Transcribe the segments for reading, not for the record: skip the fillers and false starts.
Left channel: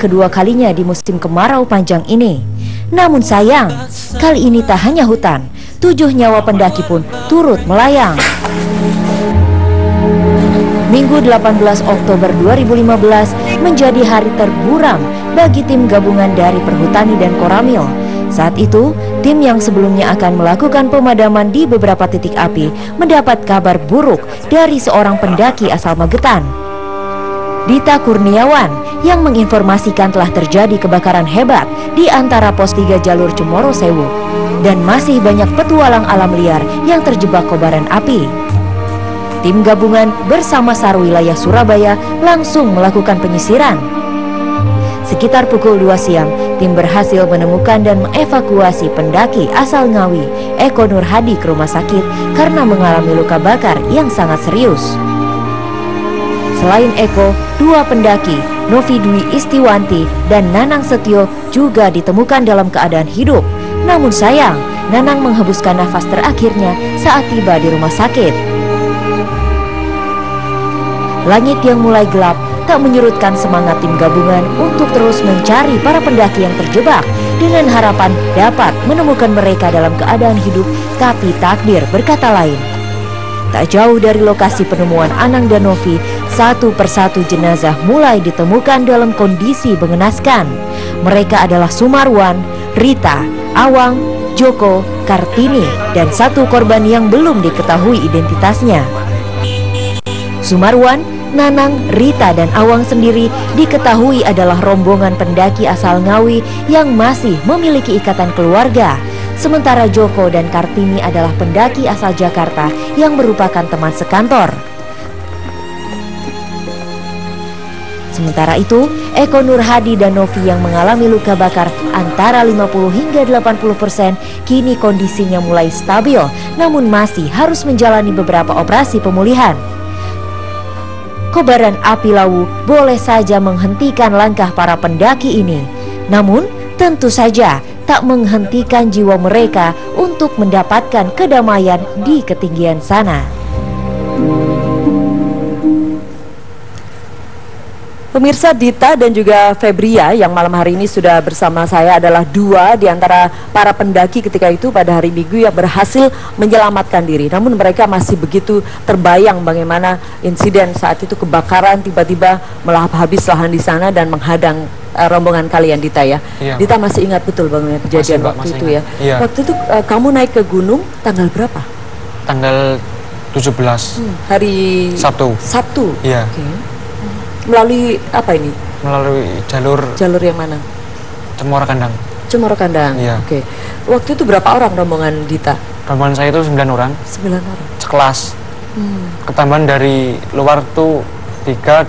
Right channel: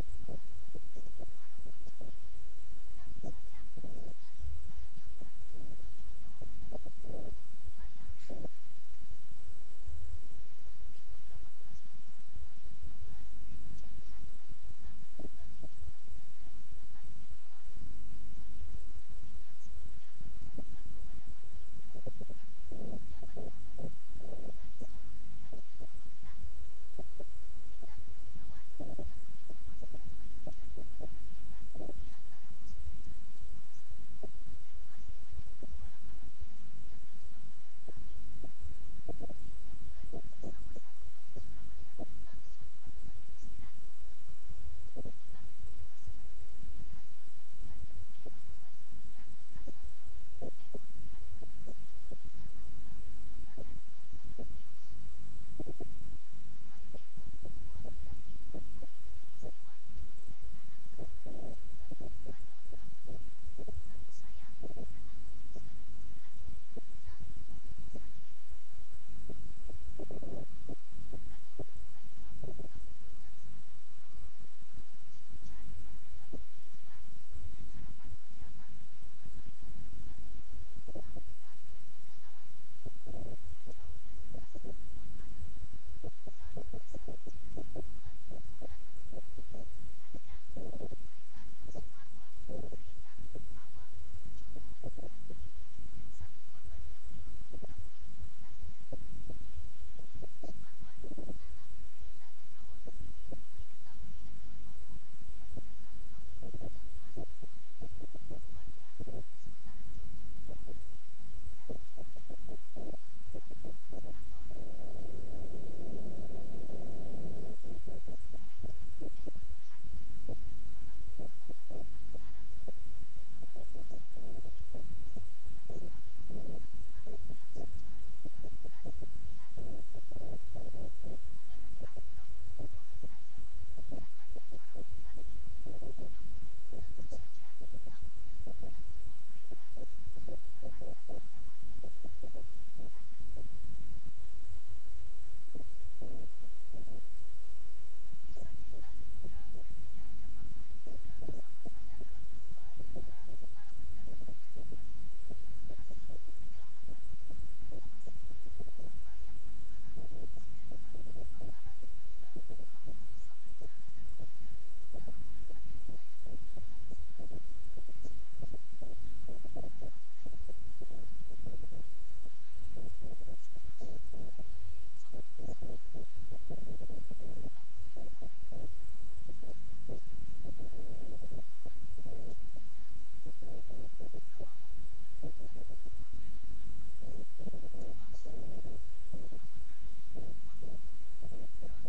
kedua kalinya di musim kemarau panjang ini. Namun sayang, kali ini tak hanya hutan, 7 nyawa pendaki pun turut melayang. Minggu 18 Oktober 2015 menjadi hari terburam bagi tim gabungan dari Perhutani dan Koramil. Saat itu, tim yang sebelumnya akan melakukan pemadaman di beberapa titik api mendapat kabar buruk dari seorang pendaki asal Magetan. Dita Kurniawan yang menginformasikan telah terjadi kebakaran hebat di antara pos 3 jalur Cemoro Sewu dan masih banyak petualang alam liar yang terjebak kobaran api. Tim gabungan bersama SAR wilayah Surabaya langsung melakukan penyisiran. Sekitar pukul 2 siang, tim berhasil menemukan dan mengevakuasi pendaki asal Ngawi, Eko Nurhadi, ke rumah sakit karena mengalami luka bakar yang sangat serius. Selain Eko, 2 pendaki, Novi Dwi Istiwanti dan Nanang Setio juga ditemukan dalam keadaan hidup. Namun sayang, Nanang menghembuskan nafas terakhirnya saat tiba di rumah sakit. Langit yang mulai gelap tak menyurutkan semangat tim gabungan untuk terus mencari para pendaki yang terjebak dengan harapan dapat menemukan mereka dalam keadaan hidup, tapi takdir berkata lain. Tak jauh dari lokasi penemuan Anang dan Novi, satu persatu jenazah mulai ditemukan dalam kondisi mengenaskan. Mereka adalah Sumarwan, Rita, Awang, Joko, Kartini, dan satu korban yang belum diketahui identitasnya. Sumarwan, Nanang, Rita, dan Awang sendiri diketahui adalah rombongan pendaki asal Ngawi yang masih memiliki ikatan keluarga. Sementara Joko dan Kartini adalah pendaki asal Jakarta yang merupakan teman sekantor. Sementara itu, Eko Nurhadi dan Novi yang mengalami luka bakar antara 50 hingga 80% kini kondisinya mulai stabil, namun masih harus menjalani beberapa operasi pemulihan. Kobaran api Lawu boleh saja menghentikan langkah para pendaki ini, namun tentu saja tak menghentikan jiwa mereka untuk mendapatkan kedamaian di ketinggian sana. Pemirsa, Dita dan juga Febria yang malam hari ini sudah bersama saya adalah 2 di antara para pendaki ketika itu pada hari Minggu yang berhasil menyelamatkan diri. Namun mereka masih begitu terbayang bagaimana insiden saat itu kebakaran tiba-tiba melahap habis lahan di sana dan menghadang rombongan kalian, Dita ya. Iya, Dita masih ingat betul bagaimana kejadian waktu itu ya. Iya. Waktu itu kamu naik ke gunung tanggal berapa? Tanggal 17. Hari Sabtu. Sabtu. Iya. Okay. Melalui apa ini? Melalui jalur yang mana? Cemoro Kandang. Cemoro Kandang. Iya. Oke. Waktu itu berapa orang rombongan Dita? Rombongan saya itu 9 orang. 9 orang. Sekelas. Ketambahan dari luar tuh 3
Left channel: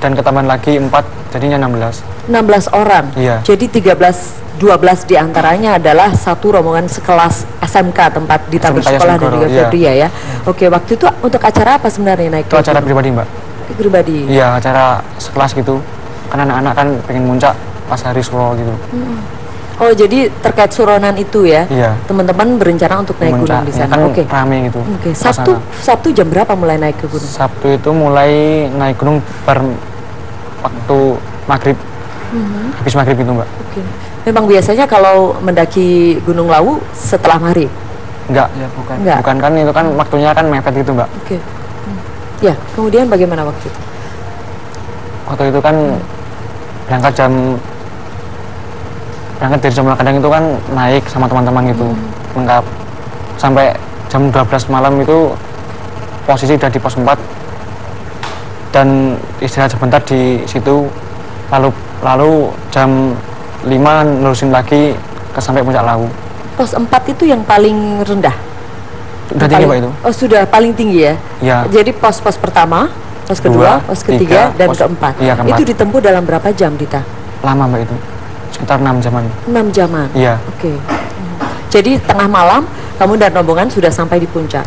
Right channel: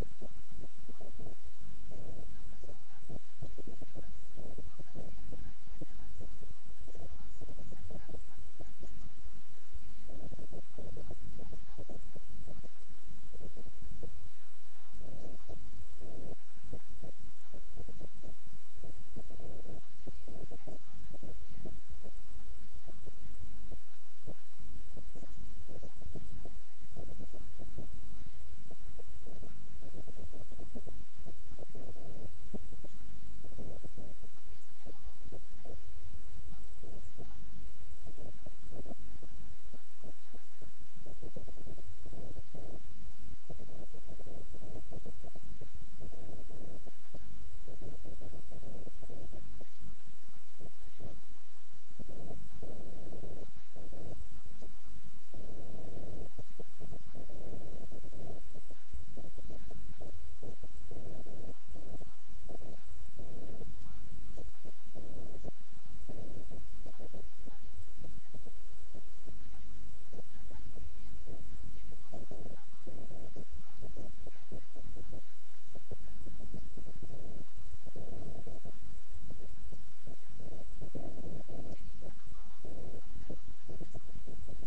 dan ketambahan lagi 4, jadinya 16. 16 orang. Iya. Jadi 12 di antaranya adalah satu rombongan sekelas SMK tempat Dita bersekolah dan juga Febria ya. Oke, waktu itu untuk acara apa sebenarnya naik? Itu acara pribadi, Mbak. Pribadi. Iya, acara sekelas gitu. Kan anak-anak kan pengen muncak pas hari suro gitu. Oh, jadi terkait suronan itu ya? Iya. Teman-teman berencana untuk naik gunung di sana. Kan rame gitu. Oke. Sabtu jam berapa mulai naik ke gunung? Sabtu itu mulai naik gunung waktu maghrib. Habis maghrib itu, Mbak. Oke. Memang biasanya kalau mendaki Gunung Lawu setelah maghrib? Enggak. Ya, bukan. Enggak. Bukan, kan itu kan waktunya kan mepet gitu, Mbak. Oke. Ya, kemudian bagaimana waktu itu? Waktu itu kan berangkat dari Cemoro Kandang itu kan naik sama teman-teman gitu, lengkap. Sampai jam 12 malam itu posisi udah di pos 4 dan istirahat sebentar di situ, lalu jam 5 nerusin lagi sampai puncak Lawu. Pos 4 itu yang paling rendah? Sudah tinggi, Pak, itu. Oh, sudah paling tinggi ya? Iya. Jadi pos pertama, pos kedua, pos ketiga, dan keempat. Iya, keempat. Itu ditempuh dalam berapa jam, Dita? Lama, Mbak, itu. Sekitar 6 jaman. 6 jaman? Iya. Oke. Jadi tengah malam, kamu dan rombongan sudah sampai di puncak?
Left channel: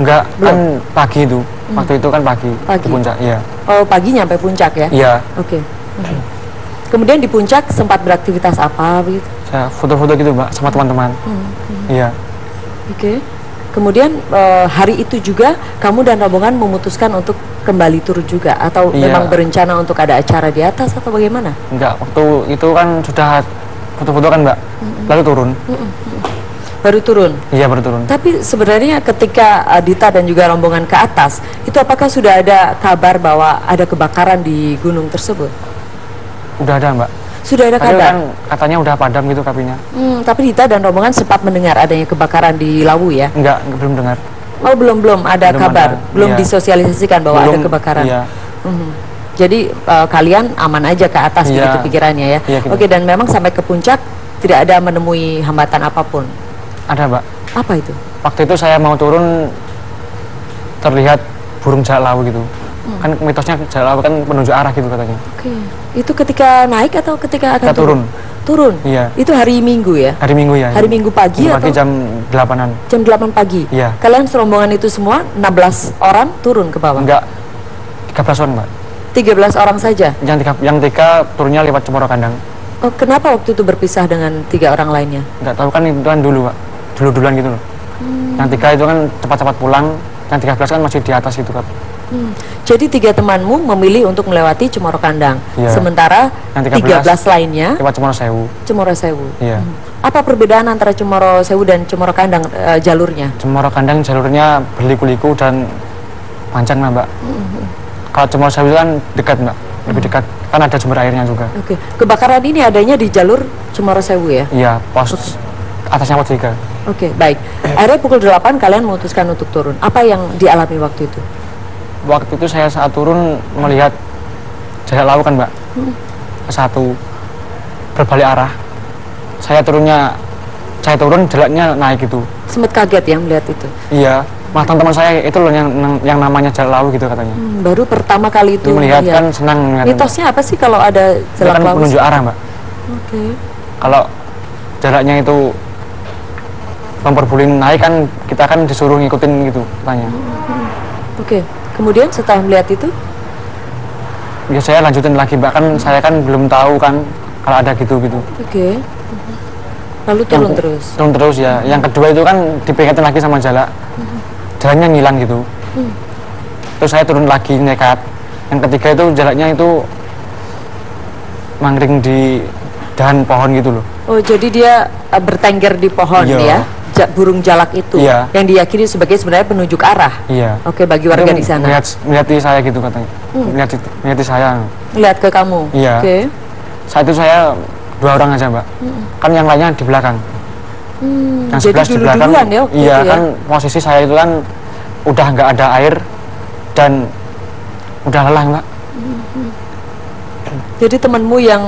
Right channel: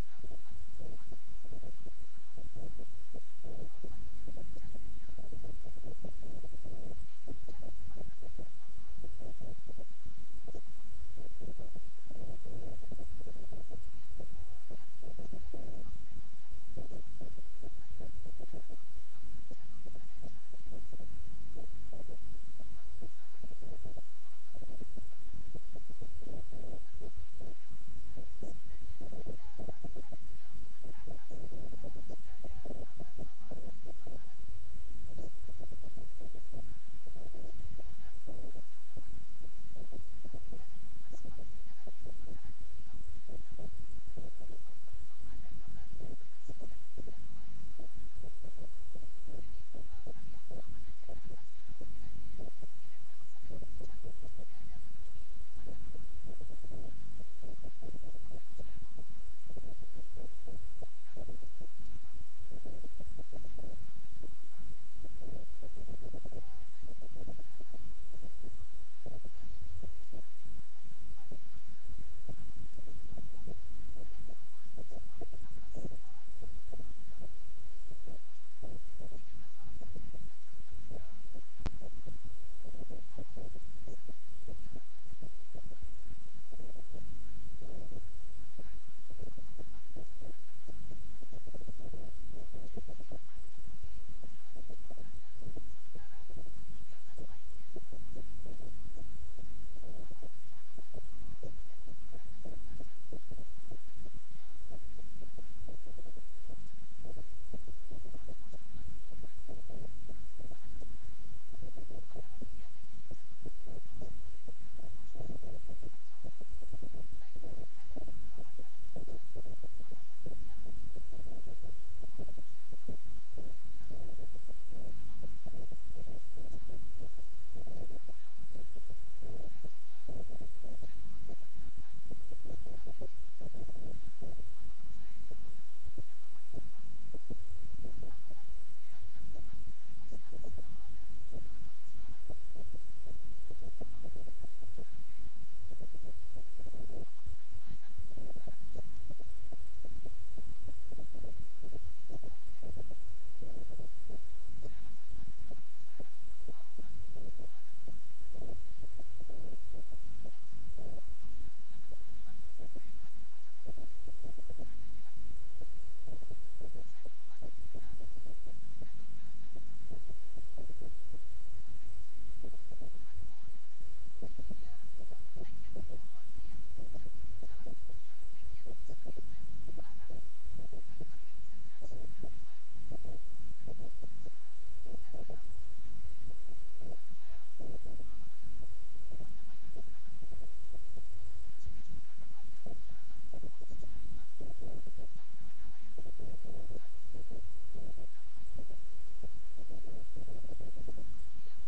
Enggak, belum. Kan pagi itu. Waktu itu kan pagi. Di puncak, iya. Oh, pagi nyampe puncak ya? Iya. Oke. Kemudian di puncak sempat beraktivitas apa begitu? Saya foto-foto gitu, Mbak, sama teman-teman. Iya. Oke. Kemudian hari itu juga kamu dan rombongan memutuskan untuk kembali turun juga, atau memang berencana untuk ada acara di atas atau bagaimana? Enggak, waktu itu kan sudah foto-foto kan Mbak, lalu turun. Baru turun? Iya, baru turun. Tapi sebenarnya ketika Dita dan juga rombongan ke atas, itu apakah sudah ada kabar bahwa ada kebakaran di gunung tersebut? Udah ada Mbak. Sudah ada kabar? Kan katanya udah padam gitu apinya. Tapi Dita dan rombongan sempat mendengar adanya kebakaran di Lawu ya? Enggak, belum dengar. Oh, belum ada kabar? Belum disosialisasikan bahwa ada kebakaran? Iya. Jadi kalian aman aja ke atas begitu pikirannya ya? Iya, gitu. Oke, dan memang sampai ke puncak tidak ada menemui hambatan apapun? Ada Mbak. Apa itu? Waktu itu saya mau turun, terlihat burung jalak lawu gitu. Kan mitosnya jalak lawu kan menunjuk arah gitu katanya. Oke. Itu ketika naik atau ketika akan turun? Turun? Iya. Itu hari Minggu ya? Hari Minggu ya. Hari Minggu pagi atau? Pagi jam 8-an. Jam 8 pagi? Iya. Kalian serombongan itu semua 16 orang turun ke bawah? Enggak, 13 orang Mbak. 13 orang saja? Yang tiga turunnya lewat Cemoro Kandang. Oh, kenapa waktu itu berpisah dengan 3 orang lainnya? Enggak tahu, kan itu kan dulu Pak. Dulu-duluan gitu loh. Yang 3 itu kan cepat-cepat pulang, yang 13 kan masih di atas gitu kan. Jadi 3 temanmu memilih untuk melewati Cemoro Kandang, sementara yang 13 lainnya lewat Cemoro Sewu. Cemoro Sewu. Iya. Apa perbedaan antara Cemoro Sewu dan Cemoro Kandang jalurnya? Cemoro Kandang jalurnya berliku-liku dan panjang Mbak. Kalau Cemoro Sewu kan dekat Mbak, lebih dekat, kan ada sumber airnya juga. Oke. Kebakaran ini adanya di jalur Cemoro Sewu ya? Iya, pos atasnya pos 3. Oke, baik. Akhirnya pukul 8 kalian memutuskan untuk turun. Apa yang dialami waktu itu? Waktu itu saya saat turun melihat jalak lawu kan Mbak, satu berbalik arah. Saya turun, jalaknya naik gitu. Sempat kaget ya melihat itu? Iya, malah teman-teman saya itu loh yang namanya jalak lawu gitu katanya. Baru pertama kali itu melihat kan senang. Mitosnya apa sih kalau ada jalak lawu? Kan menunjuk arah Mbak. Oke. Kalau jalaknya itu memperbolehkan naik kan, kita kan disuruh ngikutin gitu katanya. Oke. Kemudian setelah melihat itu? Ya saya lanjutin lagi Mbak, kan saya kan belum tahu kan kalau ada gitu-gitu. Oke. Lalu turun terus? Turun terus ya. Yang kedua itu kan diperingatin lagi sama jalak. Jalannya ngilang gitu. Terus saya turun lagi nekat. Yang ketiga itu jalaknya itu mangkring di dahan pohon gitu loh. Oh, jadi dia bertengger di pohon ya? Burung jalak itu yang diyakini sebagai sebenarnya penunjuk arah. Iya. Oke, bagi warga di sana. Melihat saya gitu katanya. Melihat saya. Melihat ke kamu. Iya. Oke. Saat itu saya 2 orang aja Mbak. Kan yang lainnya di belakang. Yang jadi di belakang. Ya, iya kan posisi saya itu kan udah nggak ada air dan udah lelah Mbak. Jadi temanmu yang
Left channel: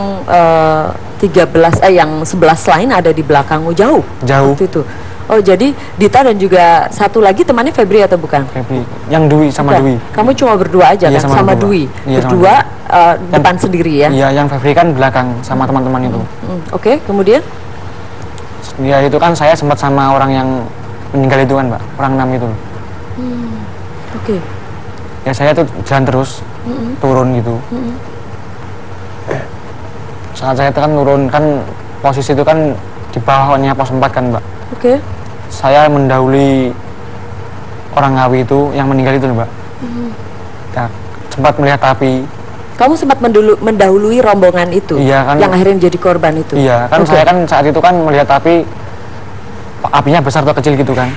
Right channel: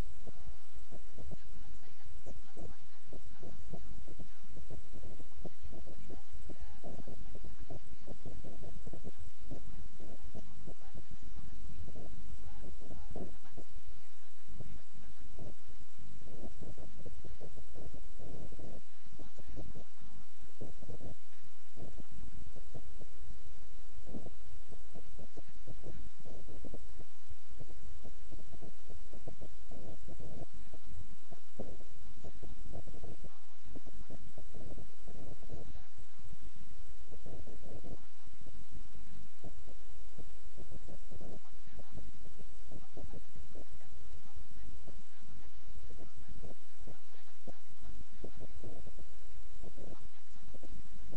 11 lain ada di belakangmu jauh. Waktu itu. Oh, jadi Dita dan juga satu lagi temannya Febri atau bukan? Febri, yang Dwi sama Dwi. Kamu cuma berdua aja kan sama Dwi? Iya, berdua depan sendiri ya? Iya, yang Febri kan belakang sama teman-teman itu. Oke, kemudian? Ya itu kan saya sempat sama orang yang meninggal itu kan Mbak, orang 6 itu. Oke. Ya saya tuh jalan terus, turun gitu. Saat saya kan turun kan posisi itu kan di bawahnya pos 4 kan Mbak. Oke. Saya mendahului orang Ngawi itu yang meninggal itu Mbak. Ya, sempat melihat api. Kamu sempat mendahului rombongan itu? Iya kan. Yang akhirnya menjadi korban itu? Iya kan. Saya kan saat itu kan melihat apinya besar atau kecil gitu kan.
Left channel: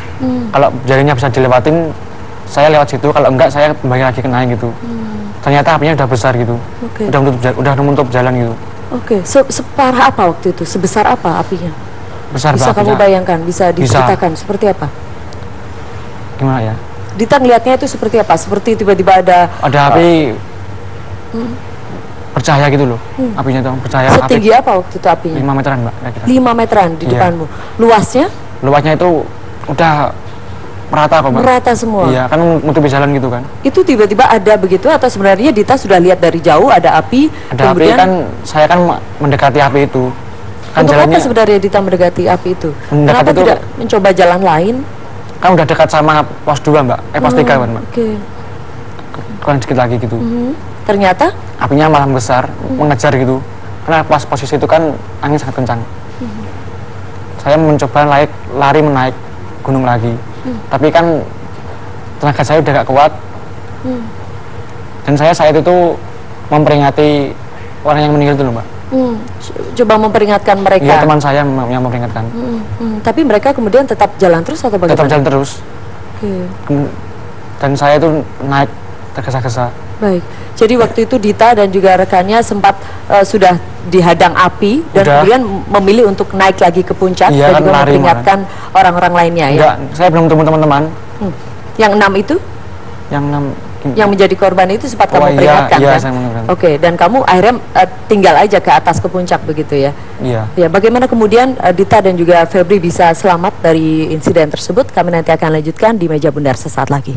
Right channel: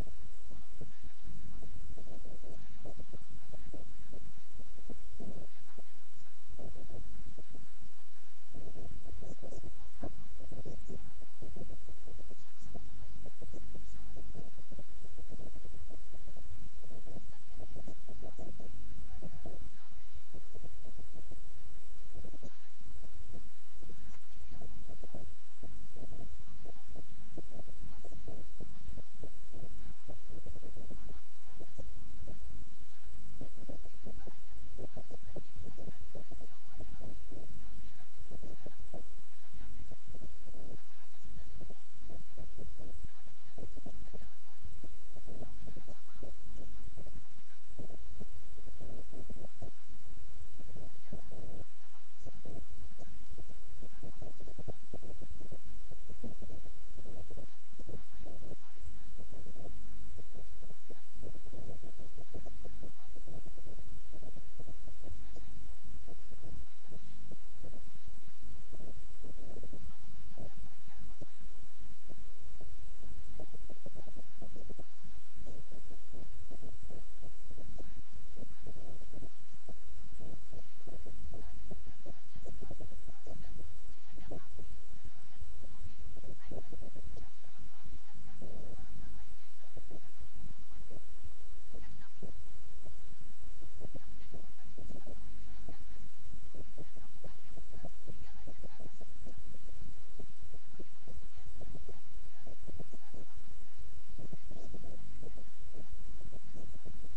Kalau jalannya bisa dilewatin, saya lewat situ. Kalau enggak saya kembali lagi ke naik gitu. Ternyata apinya udah besar gitu. Udah menutup jalan gitu. Oke. Separah apa waktu itu? Sebesar apa apinya? Besar. Bisa kamu bayangkan? Bisa diceritakan seperti apa? Gimana ya? Dita ngelihatnya itu seperti apa? Seperti tiba-tiba ada api bercahaya gitu loh. Apinya itu bercahaya. Setinggi apa waktu itu apinya? 5 meteran Mbak. 5 meteran di depanmu. Luasnya? Luasnya itu udah merata kok Mbak. Merata semua? Iya, kan menutupi jalan gitu kan. Itu tiba-tiba ada begitu atau sebenarnya Dita sudah lihat dari jauh ada api? Ada kemudian, api kan, saya kan mendekati api itu. Kan untuk jalannya, apa sebenarnya Dita mendekati api itu? Kenapa itu, tidak mencoba jalan lain? Kan udah dekat sama pos 2 Mbak, pos 3 kan Mbak. Oke. Kurang sedikit lagi gitu. Ternyata? Apinya malah besar, mengejar gitu. Karena pas posisi itu kan angin sangat kencang. Saya mencoba lari menaik gunung lagi. Tapi kan tenaga saya udah gak kuat. Dan saya saat itu memperingati orang yang meninggal itu loh, Mbak. Coba memperingatkan mereka. Iya, teman saya yang memperingatkan. Tapi mereka kemudian tetap jalan terus atau bagaimana? Tetap jalan terus. Dan saya itu naik tergesa-gesa. Baik. Jadi waktu itu Dita dan juga rekannya sempat sudah dihadang api dan kemudian memilih untuk naik lagi ke puncak dan juga memperingatkan orang-orang lainnya. Enggak, saya belum ketemu teman-teman. Yang 6 itu? Yang menjadi korban itu sempat kamu peringatkan kan? Oke, dan kamu akhirnya tinggal aja ke atas ke puncak begitu ya? Iya. Ya, bagaimana kemudian Dita dan juga Febri bisa selamat dari insiden tersebut? Kami nanti akan lanjutkan di Meja Bundar sesaat lagi.